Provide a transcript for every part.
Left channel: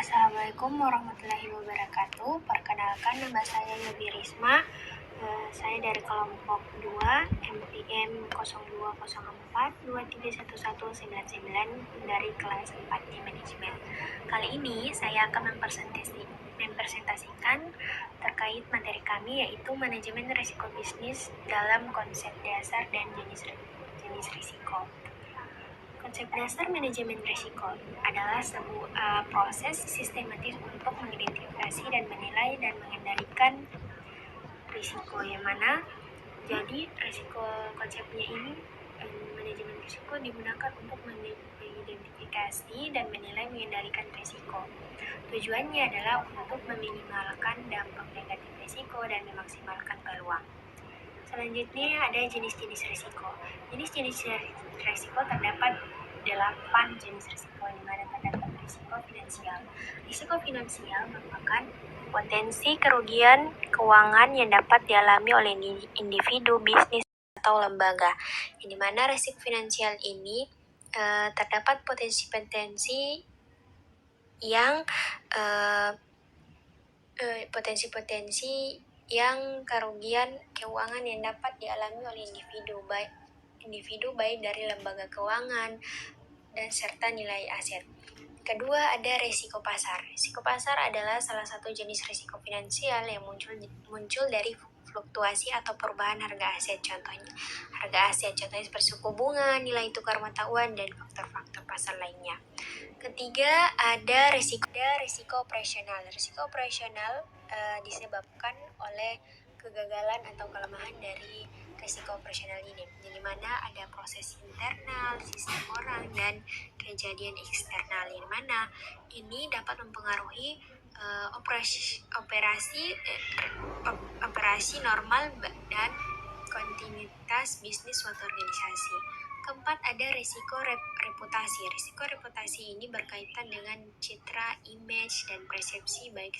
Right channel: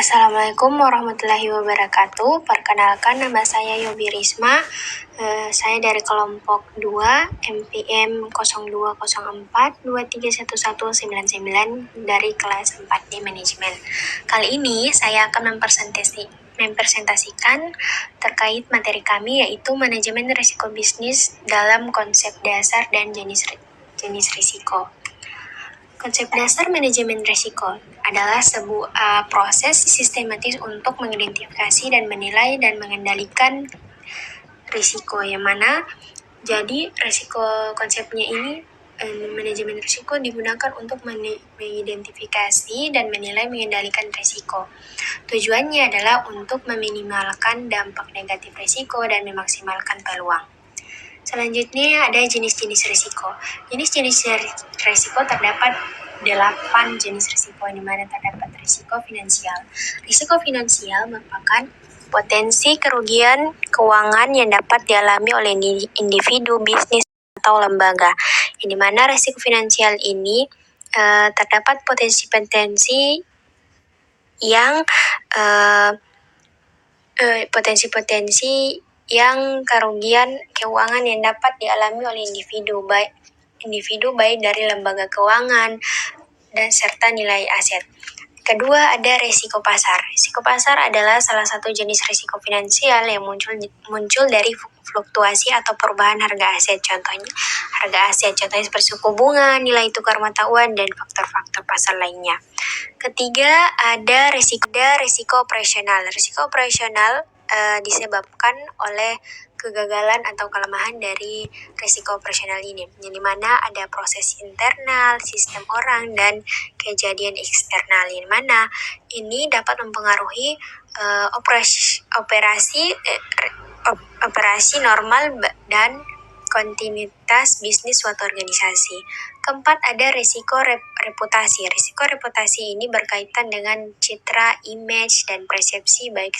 Assalamualaikum warahmatullahi wabarakatuh. Perkenalkan, nama saya Yobi Risma. Saya dari kelompok 2 MPM 0204231199 dari kelas 4D Manajemen. Kali ini saya akan mempresentasikan terkait materi kami, yaitu manajemen risiko bisnis dalam konsep dasar dan jenis risiko. Konsep dasar manajemen risiko adalah sebuah proses sistematis untuk mengidentifikasi dan menilai dan mengendalikan risiko, yang mana jadi risiko konsepnya ini manajemen risiko digunakan untuk mengidentifikasi dan menilai mengendalikan risiko. Tujuannya adalah untuk meminimalkan dampak negatif risiko dan memaksimalkan peluang. Selanjutnya ada jenis-jenis risiko. Jenis-jenis risiko terdapat 8 jenis risiko, di mana terdapat risiko finansial. Risiko finansial merupakan potensi kerugian keuangan yang dapat dialami oleh individu, bisnis, atau lembaga. Di mana risiko finansial ini terdapat potensi-potensi yang kerugian keuangan yang dapat dialami oleh individu baik dari lembaga keuangan dan serta nilai aset. Kedua, ada risiko pasar. Risiko pasar adalah salah satu jenis risiko finansial yang muncul dari fluktuasi atau perubahan harga aset. Contohnya seperti suku bunga, nilai tukar mata uang, dan faktor-faktor pasar lainnya. Ketiga, ada risiko operasional. Risiko operasional disebabkan oleh kegagalan atau kelemahan dari risiko operasional ini, di mana ada proses internal, sistem orang, dan kejadian eksternal, di mana ini dapat mempengaruhi operasi normal dan kontinuitas bisnis suatu organisasi. Keempat, ada risiko reputasi. Risiko reputasi ini berkaitan dengan citra, image, dan persepsi baik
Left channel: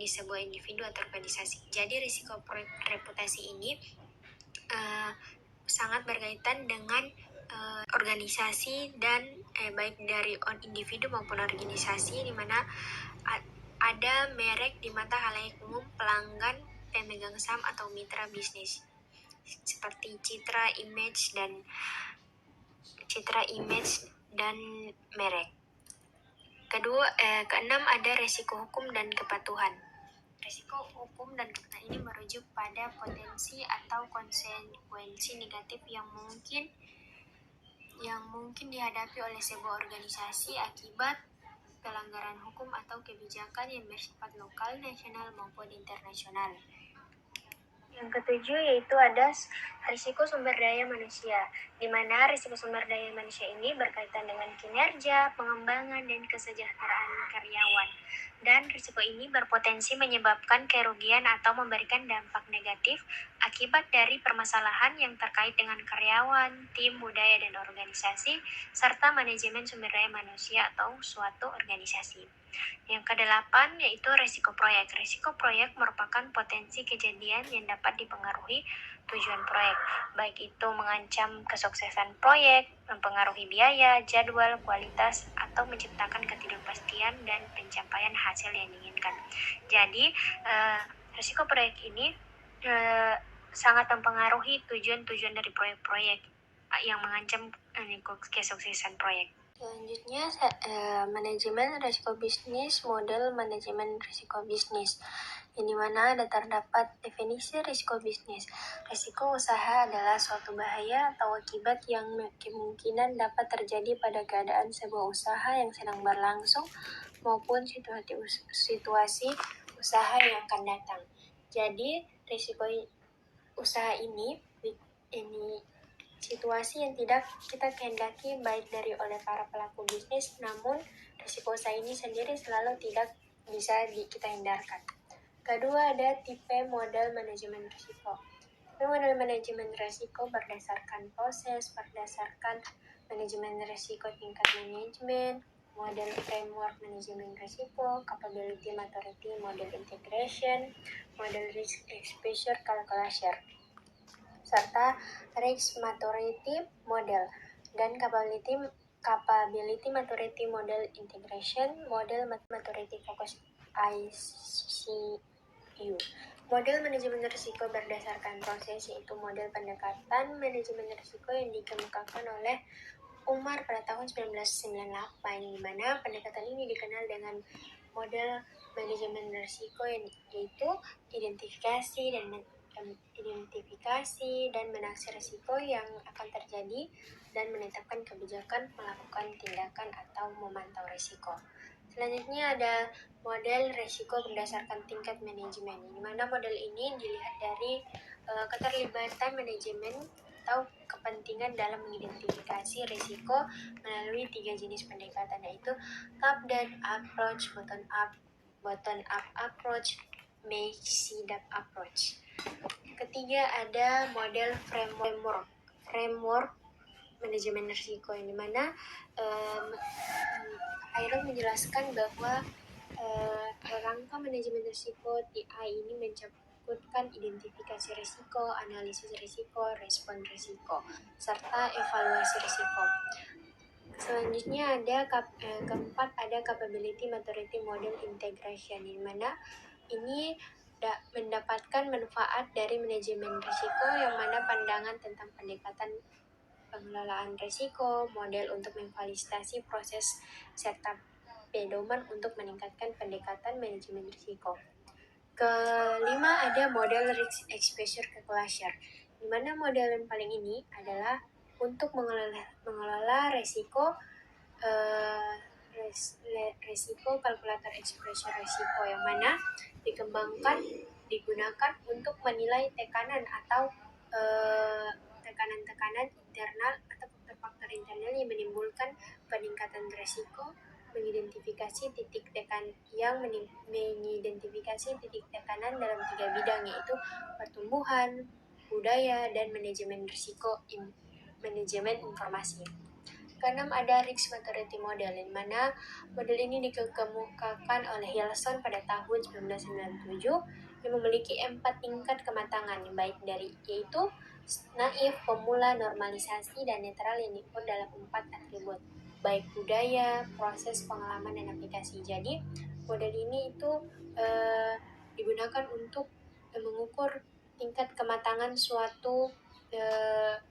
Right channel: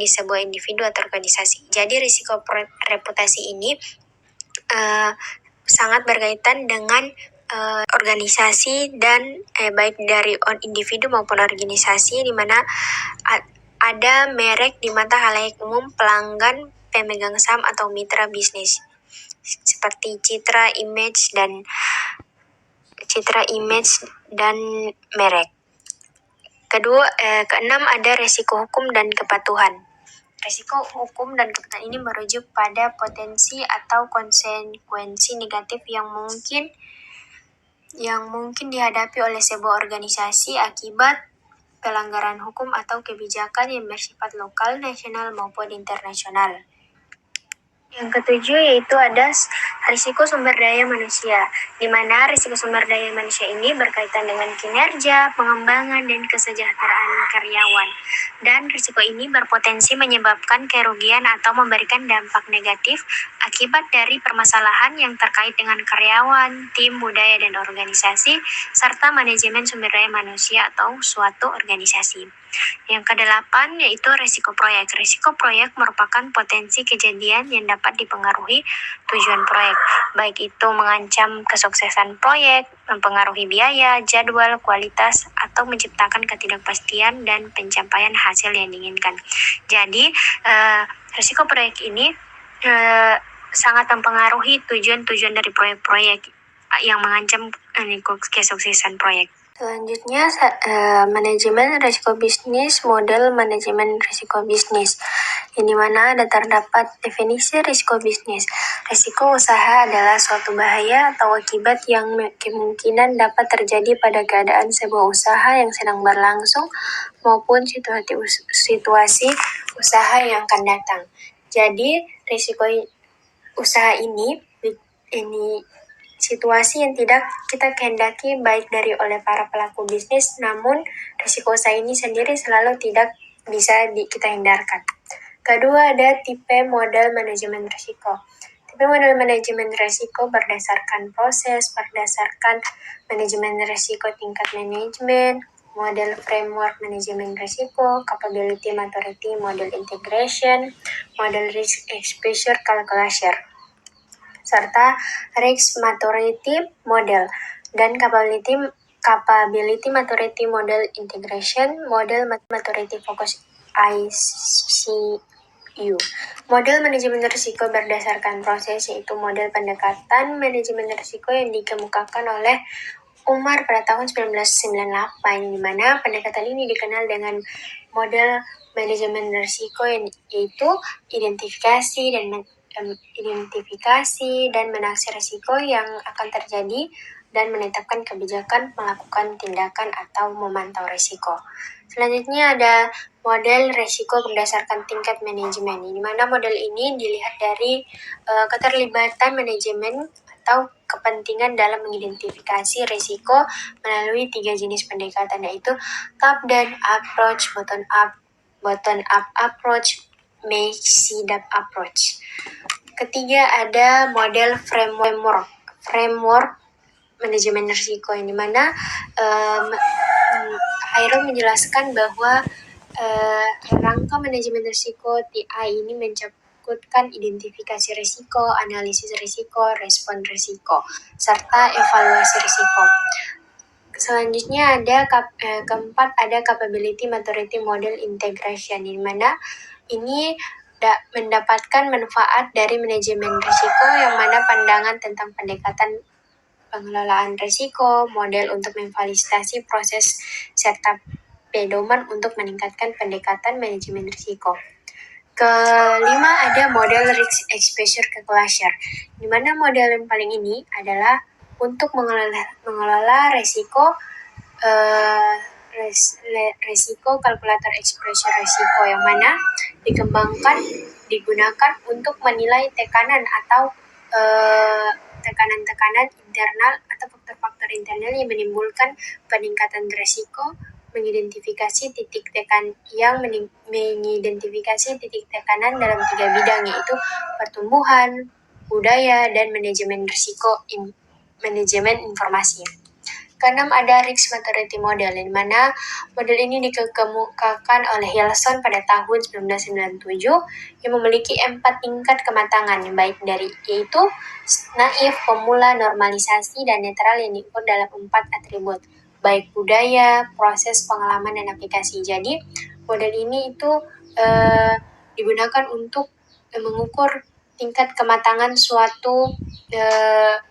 di sebuah individu atau organisasi. Jadi risiko reputasi ini sangat berkaitan dengan organisasi dan baik dari individu maupun organisasi, di mana ada merek di mata halayak umum, pelanggan, pemegang saham, atau mitra bisnis, seperti citra, image, dan merek. Keenam, ada resiko hukum dan kepatuhan. Risiko hukum dan kepatuhan ini merujuk pada potensi atau konsekuensi negatif yang mungkin dihadapi oleh sebuah organisasi akibat pelanggaran hukum atau kebijakan yang bersifat lokal, nasional, maupun internasional. Yang ketujuh yaitu ada risiko sumber daya manusia, di mana risiko sumber daya manusia ini berkaitan dengan kinerja, pengembangan, dan kesejahteraan karyawan. Dan risiko ini berpotensi menyebabkan kerugian atau memberikan dampak negatif akibat dari permasalahan yang terkait dengan karyawan, tim, budaya, dan organisasi, serta manajemen sumber daya manusia atau suatu organisasi. Yang kedelapan yaitu risiko proyek. Risiko proyek merupakan potensi kejadian yang dapat dipengaruhi tujuan proyek, baik itu mengancam kesuksesan proyek, mempengaruhi biaya, jadwal, kualitas, atau menciptakan ketidakpastian dan pencapaian hasil yang diinginkan. Jadi, risiko proyek ini sangat mempengaruhi tujuan-tujuan dari proyek-proyek yang mengancam kesuksesan proyek. Selanjutnya, manajemen risiko bisnis, model manajemen risiko bisnis. Ini mana terdapat definisi risiko bisnis. Risiko usaha adalah suatu bahaya atau akibat yang kemungkinan dapat terjadi pada keadaan sebuah usaha yang sedang berlangsung maupun situasi usaha yang akan datang. Jadi, risiko usaha ini situasi yang tidak kita kehendaki baik oleh para pelaku bisnis, namun risiko usaha ini sendiri selalu tidak bisa kita hindarkan. Kedua, ada tipe model manajemen risiko. Tipe model manajemen risiko berdasarkan manajemen risiko tingkat manajemen, model framework manajemen risiko, capability maturity model integration, model risk exposure calculation, serta risk maturity model dan capability Capability Maturity Model Integration, Model Maturity Focus ICU. Model manajemen risiko berdasarkan proses, yaitu model pendekatan manajemen risiko yang dikemukakan oleh Umar pada tahun 1998, di mana pendekatan ini dikenal dengan model manajemen risiko yaitu identifikasi dan menaksir risiko yang akan terjadi dan menetapkan kebijakan melakukan tindakan atau memantau risiko. Selanjutnya ada model risiko berdasarkan tingkat manajemen, di mana model ini dilihat dari keterlibatan manajemen atau kepentingan dalam mengidentifikasi risiko melalui 3 jenis pendekatan, yaitu top-down approach, bottom-up approach, May-Cidap approach. Ketiga ada model framework manajemen risiko, yang dimana Hairul menjelaskan bahwa rangka manajemen risiko TI ini mencukupkan identifikasi risiko, analisis risiko, respon risiko, serta evaluasi risiko. Selanjutnya ada keempat ada Capability Maturity Model Integration, di mana ini mendapatkan manfaat dari manajemen risiko, yang mana pandangan tentang pendekatan pengelolaan risiko, model untuk memfasilitasi proses, serta pedoman untuk meningkatkan pendekatan manajemen risiko. Kelima ada model Risk Exposure Calculation, di mana model yang paling ini adalah untuk mengelola risiko risiko kalkulator exposure risiko, yang mana digunakan untuk menilai tekanan atau tekanan-tekanan internal atau faktor-faktor internal yang menimbulkan peningkatan risiko, mengidentifikasi titik tekanan dalam 3 bidang, yaitu pertumbuhan, budaya, dan manajemen risiko manajemen informasi. Keenam ada Risk Maturity Model, di mana model ini dikemukakan oleh Hilson pada tahun 1997, yang memiliki 4 tingkat kematangan, baik dari yaitu naif, pemula, normalisasi, dan netral, yang diukur dalam 4 atribut, baik budaya, proses, pengalaman, dan aplikasi. Jadi model ini itu digunakan untuk mengukur tingkat kematangan suatu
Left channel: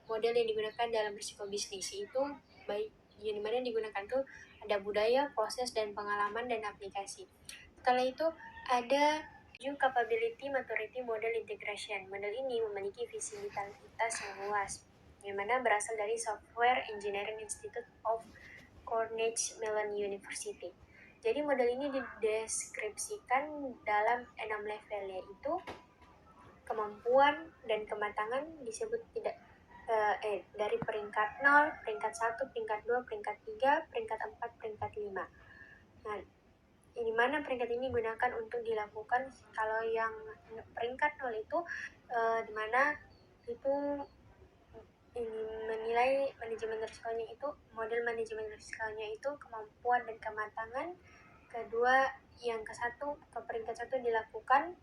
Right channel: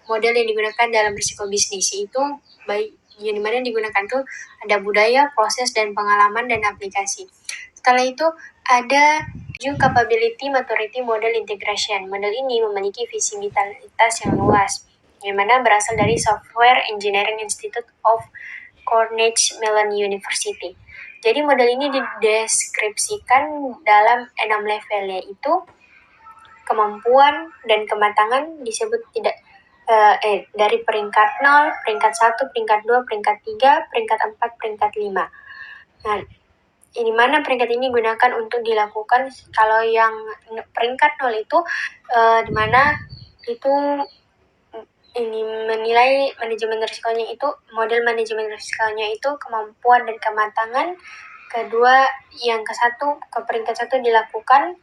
model yang digunakan dalam risiko bisnis, itu baik yang dimana digunakan tuh ada budaya, proses, dan pengalaman, dan aplikasi. Setelah itu ada Capability Maturity Model Integration. Model ini memiliki visibilitas yang luas, yang mana berasal dari Software Engineering Institute of Carnegie Mellon University. Jadi model ini dideskripsikan dalam 6 level, yaitu kemampuan dan kematangan disebut dari peringkat 0, peringkat 1, peringkat 2, peringkat 3, peringkat 4, peringkat 5. Nah, di mana peringkat ini digunakan untuk dilakukan. Kalau yang peringkat 0 itu di mana itu ini menilai manajemen risikonya, itu model manajemen risikonya itu kemampuan dan kematangan. Kedua, yang ke peringkat 1 dilakukan.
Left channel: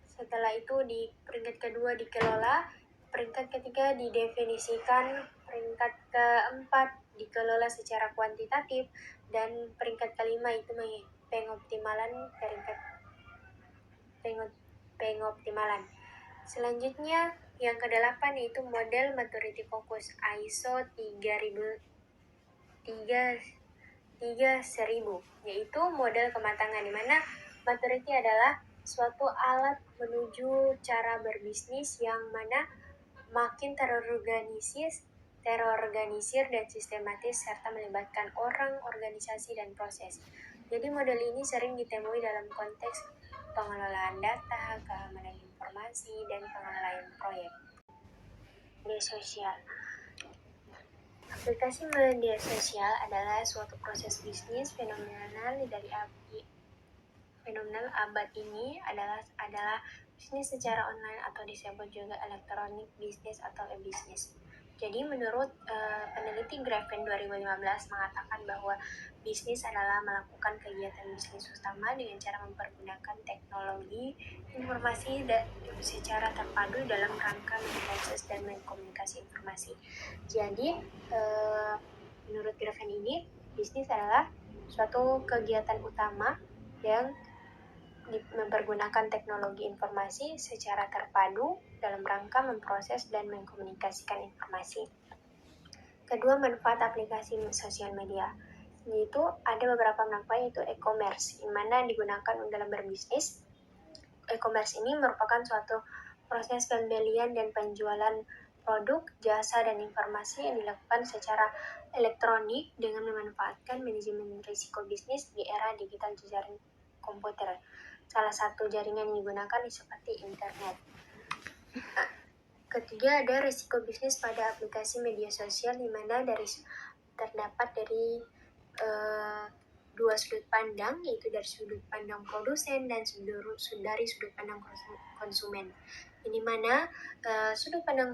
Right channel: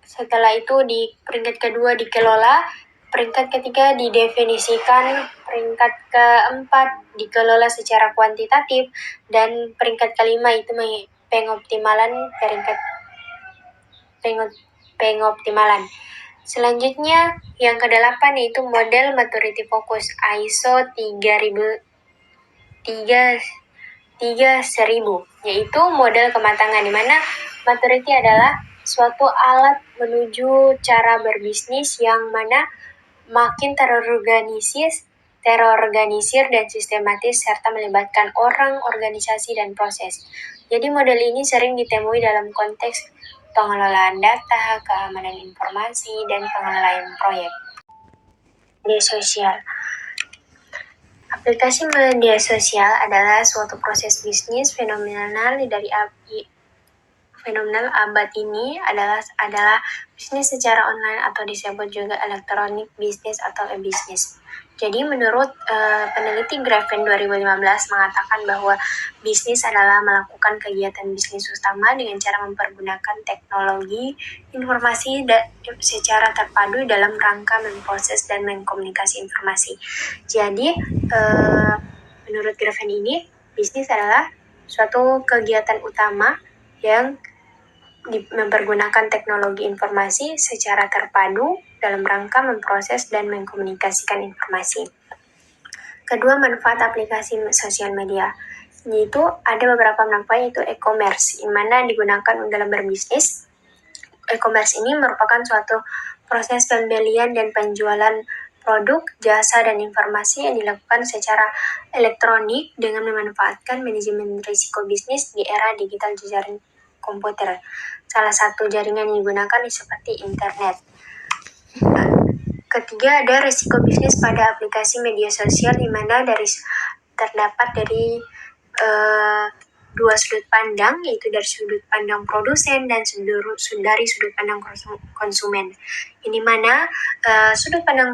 Setelah itu di peringkat kedua dikelola, peringkat ketiga didefinisikan, peringkat keempat dikelola secara kuantitatif, dan peringkat kelima itu pengoptimalan. Selanjutnya yang ke-8 yaitu model maturity focus ISO 3000, yaitu model kematangan, di mana maturity adalah suatu alat menuju cara berbisnis yang mana makin terorganisir dan sistematis, serta melibatkan orang, organisasi, dan proses. Jadi model ini sering ditemui dalam konteks pengelolaan data, keamanan informasi, dan pengelolaan proyek. Media sosial. Aplikasi media sosial adalah suatu proses bisnis fenomenal abad ini adalah bisnis secara online, atau disebut juga elektronik bisnis atau e-bisnis. Jadi menurut peneliti Grafen 2015 mengatakan bahwa bisnis adalah melakukan kegiatan bisnis utama dengan cara mempergunakan teknologi informasi secara terpadu dalam rangka memproses dan mengkomunikasi informasi. Jadi Menurut Graven ini, bisnis adalah suatu kegiatan utama yang mempergunakan teknologi informasi secara terpadu dalam rangka memproses dan mengkomunikasikan informasi. Kedua, manfaat aplikasi sosial media, yaitu ada beberapa manfaat, yaitu e-commerce, yang mana digunakan dalam berbisnis. E-commerce ini merupakan suatu proses pembelian dan penjualan produk, jasa, dan informasi yang dilakukan secara elektronik dengan memanfaatkan manajemen risiko bisnis di era digital jejaring komputer. Salah satu jaringan yang digunakan seperti internet. Ketiga, ada risiko bisnis pada aplikasi media sosial, di mana terdapat dari dua sudut pandang, yaitu dari sudut pandang produsen dan dari sudut pandang konsumen. Ini mana sudut pandang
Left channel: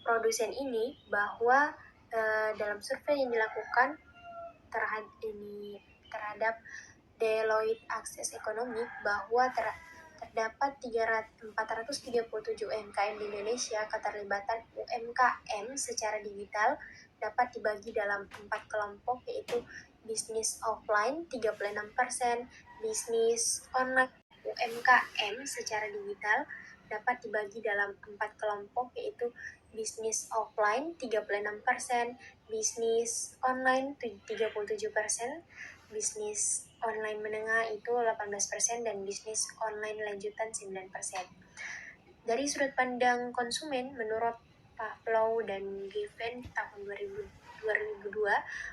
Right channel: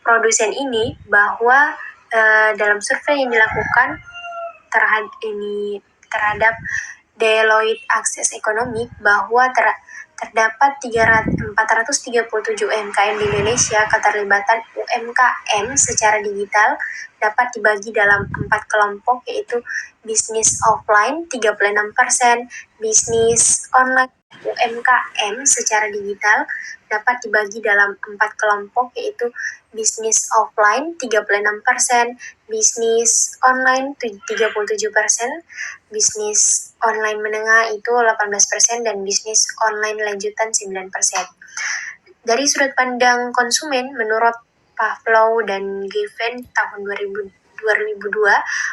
produsen ini bahwa dalam survei yang dilakukan terhadap Deloitte Access Economic bahwa terdapat 437 UMKM di Indonesia. Keterlibatan UMKM secara digital dapat dibagi dalam 4 kelompok, yaitu bisnis offline 36%, bisnis online. UMKM secara digital dapat dibagi dalam 4 kelompok, yaitu bisnis offline 36%, bisnis online 37%, bisnis online menengah itu 18%, dan bisnis online lanjutan 9%. Dari sudut pandang konsumen, menurut Pavlov dan Given tahun 2002,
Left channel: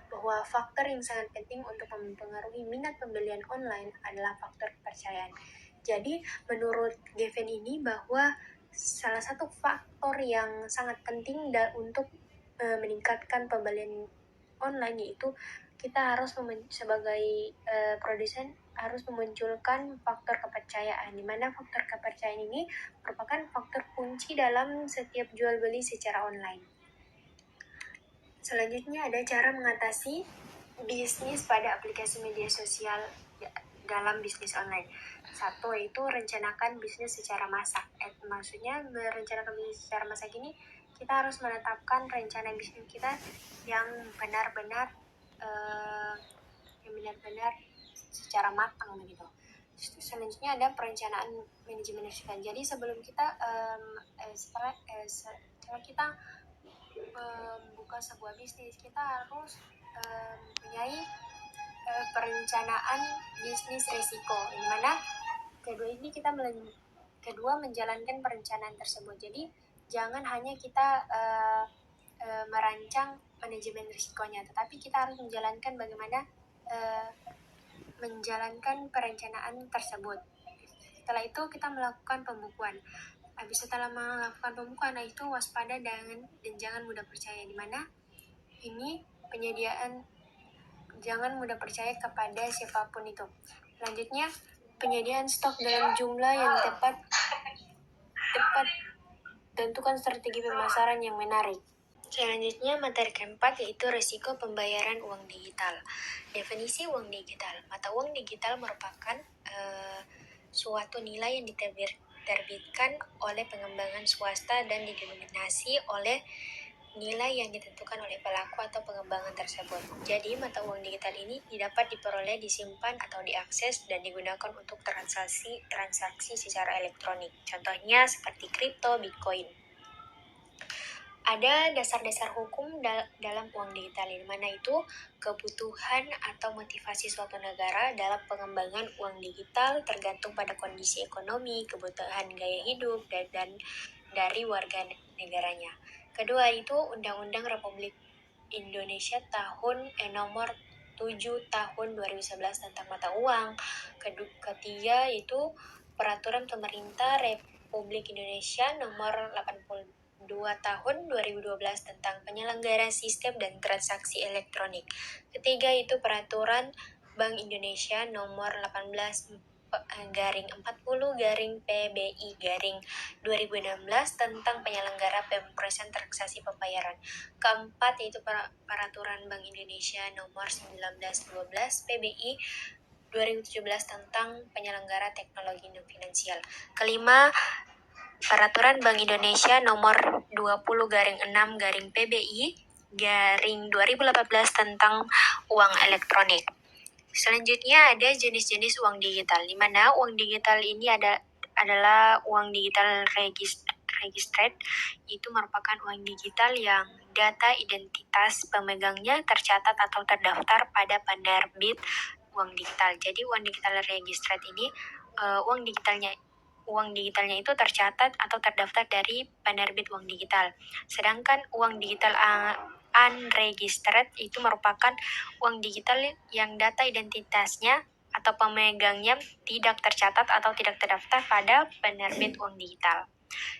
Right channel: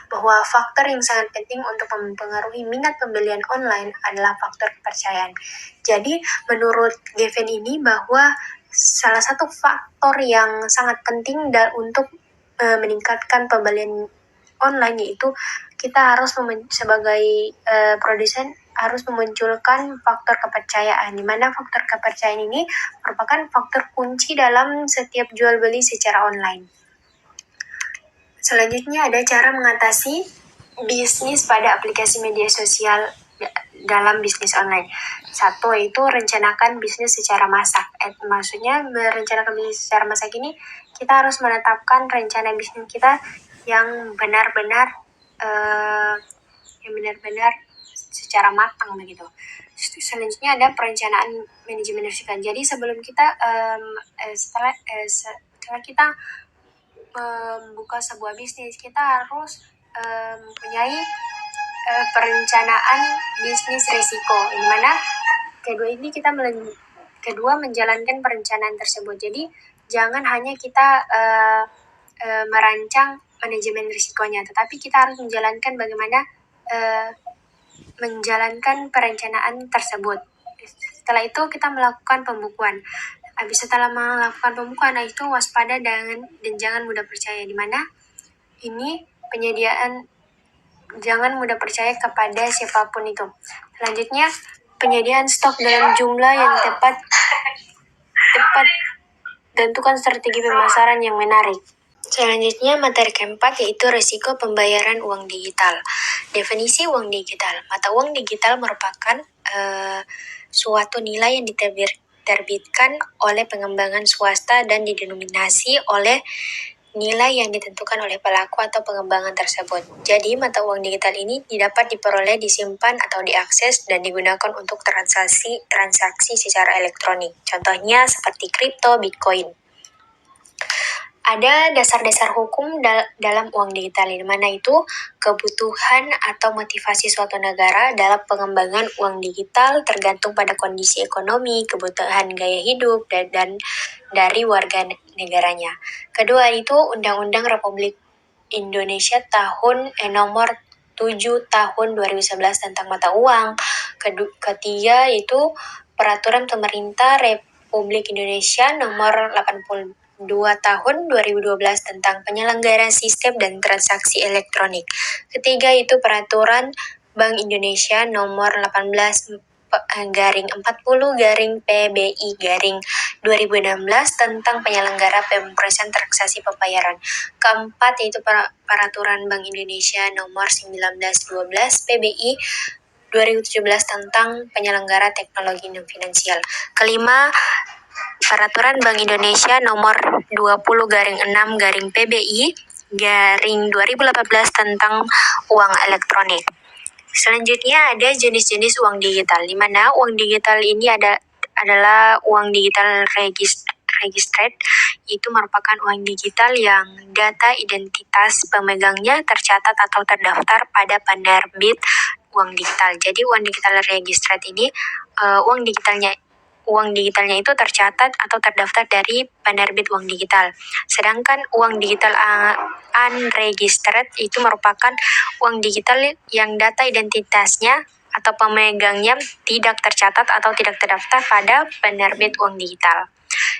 bahwa faktor yang sangat penting untuk mempengaruhi minat pembelian online adalah faktor kepercayaan. Jadi menurut Given ini bahwa salah satu faktor yang sangat penting untuk meningkatkan pembelian online, yaitu kita harus sebagai produsen harus memunculkan faktor kepercayaan, di mana faktor kepercayaan ini merupakan faktor kunci dalam setiap jual beli secara online. Selanjutnya ada cara mengatasi bisnis pada aplikasi media sosial dalam bisnis online. Satu, yaitu rencanakan bisnis secara masak. Maksudnya merencanakan bisnis secara masak ini, kita harus menetapkan rencana bisnis kita yang benar-benar secara matang begitu. Selanjutnya ada perencanaan manajemen risiko. Jadi sebelum kita setelah kita membuka sebuah bisnis, kita harus mempunyai perencanaan bisnis risiko, di mana kedua menjalankan perencanaan tersebut. Jadi jangan hanya kita merancang manajemen risikonya, tetapi kita harus menjalankan bagaimana menjalankan perencanaan tersebut. Setelah itu kita melakukan pembukuan. Setelah melakukan pembukuan, itu waspada dan jangan mudah percaya, di mana ini jangan mudah percaya kepada siapapun itu. Selanjutnya, penyediaan stok dalam jumlah yang tepat, tentukan strategi pemasaran yang menarik. Selanjutnya, materi keempat, yaitu risiko pembayaran uang digital. Definisi uang digital. Mata uang digital merupakan suatu nilai yang diterbitkan oleh pengembangan swasta dan didenominasi oleh nilai yang ditentukan oleh pelaku atau pengembangan tersebut. Jadi, mata uang digital ini dapat diperoleh, disimpan, atau diakses dan digunakan untuk transaksi secara elektronik. Contohnya seperti kripto, Bitcoin. Ada dasar-dasar hukum dalam uang digital, di mana itu kebutuhan atau motivasi suatu negara dalam pengembangan uang digital tergantung pada kondisi ekonomi, kebutuhan gaya hidup, dan dari warga negaranya. Kedua itu Undang-Undang Republik Indonesia nomor 7 tahun 2011 tentang mata uang. Ketiga itu Peraturan Pemerintah Republik Indonesia nomor 82 tahun 2012 tentang penyelenggaraan sistem dan transaksi elektronik. Ketiga itu Peraturan Bank Indonesia nomor 18 /40 PBI 2016 tentang penyelenggara pemrosesan transaksi pembayaran. Keempat yaitu Peraturan Bank Indonesia nomor 19/12 PBI 2017 tentang penyelenggara teknologi non finansial. Kelima, Peraturan Bank Indonesia nomor 20/6 PBI 2018 tentang uang elektronik. Selanjutnya ada jenis-jenis uang digital, di mana uang digital ini adalah uang digital registered, itu merupakan uang digital yang data identitas pemegangnya tercatat atau terdaftar pada penerbit uang digital. Jadi uang digital registered ini uang digitalnya itu tercatat atau terdaftar dari penerbit uang digital. Sedangkan uang digital unregistered itu merupakan uang digital yang data identitasnya atau pemegangnya tidak tercatat atau tidak terdaftar pada penerbit uang digital.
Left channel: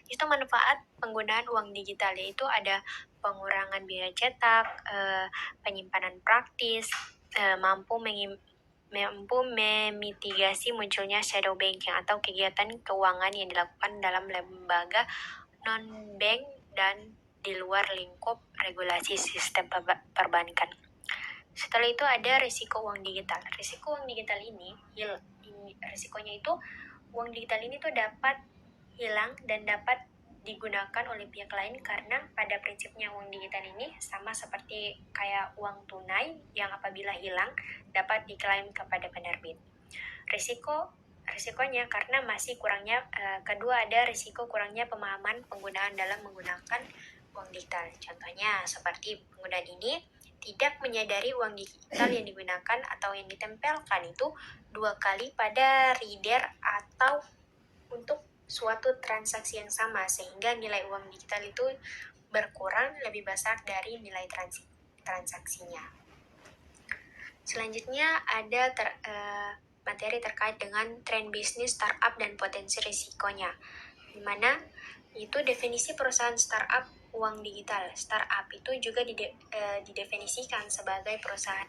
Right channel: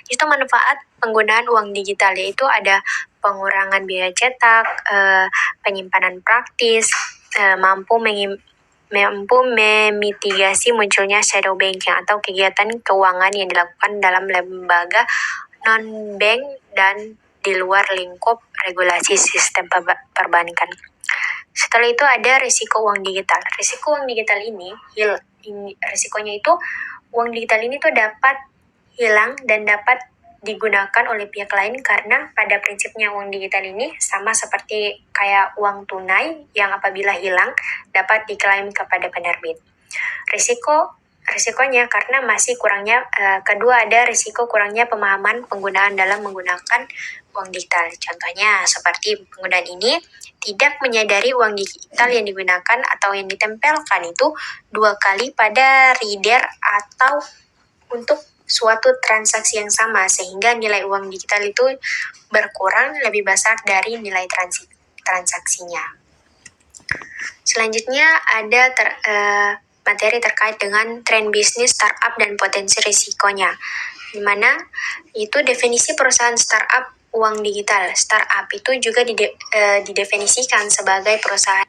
Itu manfaat penggunaan uang digital, yaitu ada pengurangan biaya cetak, penyimpanan praktis, mampu memitigasi munculnya shadow banking atau kegiatan keuangan yang dilakukan dalam lembaga non-bank dan di luar lingkup regulasi sistem perbankan. Setelah itu ada risiko uang digital. Risiko uang digital ini risikonya itu uang digital ini tuh dapat hilang dan dapat digunakan oleh pihak lain karena pada prinsipnya uang digital ini sama seperti kayak uang tunai yang apabila hilang dapat diklaim kepada penerbit. Risikonya karena masih kurangnya kedua ada risiko kurangnya pemahaman penggunaan dalam menggunakan uang digital. Contohnya seperti penggunaan ini tidak menyadari uang digital yang digunakan atau yang ditempelkan itu 2 kali pada reader atau untuk suatu transaksi yang sama, sehingga nilai uang digital itu berkurang lebih besar dari nilai transaksinya. Selanjutnya ada materi terkait dengan tren bisnis startup dan potensi risikonya, di mana itu definisi perusahaan startup uang digital. Startup itu juga didefinisikan sebagai perusahaan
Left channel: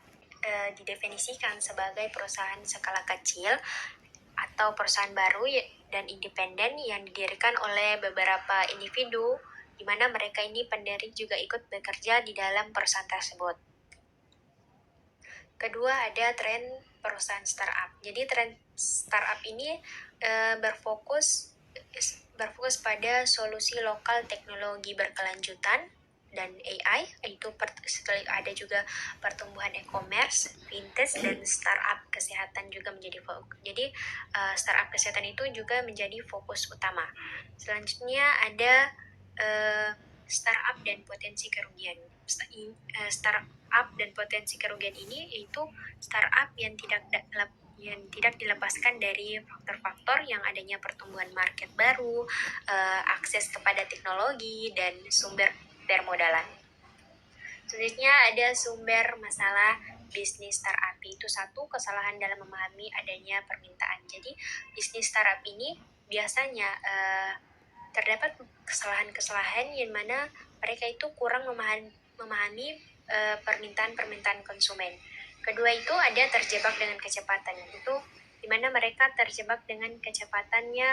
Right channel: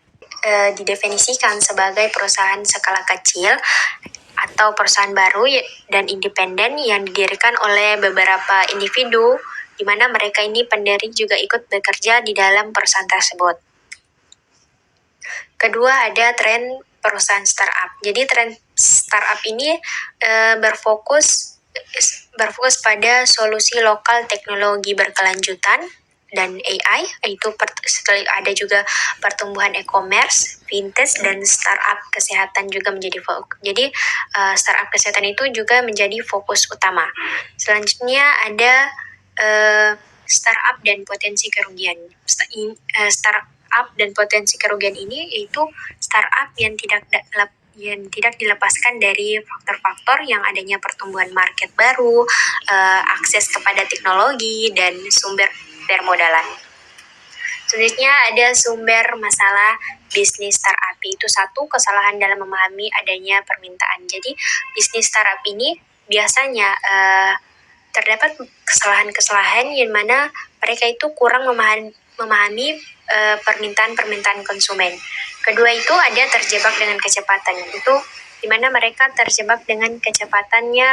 perusahaan skala kecil atau perusahaan baru dan independen yang didirikan oleh beberapa individu, di mana mereka ini pendiri juga ikut bekerja di dalam perusahaan tersebut. Kedua ada tren perusahaan startup. Jadi tren startup ini berfokus pada solusi lokal teknologi berkelanjutan dan AI, itu ada juga pertumbuhan e-commerce, fintech, dan startup kesehatan juga menjadi fokus. Jadi startup kesehatan itu juga menjadi fokus utama. Selanjutnya ada startup dan potensi kerugian. Startup dan potensi kerugian ini yaitu startup yang tidak dilepaskan dari faktor-faktor yang adanya pertumbuhan market baru, akses kepada teknologi, dan sumber permodalan. Selanjutnya ada sumber masalah bisnis startup, itu satu, kesalahan dalam memahami adanya permintaan. Jadi bisnis startup ini biasanya terdapat kesalahan-kesalahan yang mana mereka itu kurang memahami permintaan konsumen. Kedua itu ada terjebak dengan kecepatan, itu di mana mereka terjebak dengan kecepatannya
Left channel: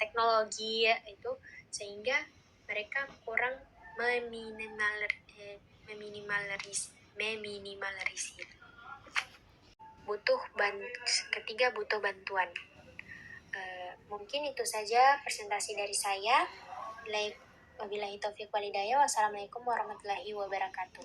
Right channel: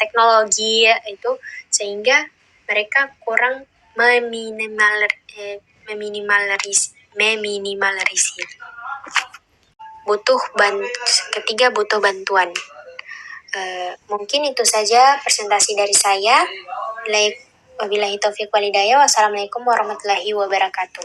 teknologi itu, sehingga mereka kurang meminimalisir. Ketiga, butuh bantuan. Mungkin itu saja presentasi dari saya. Wabillahi taufiq walhidayah. Wassalamualaikum warahmatullahi wabarakatuh.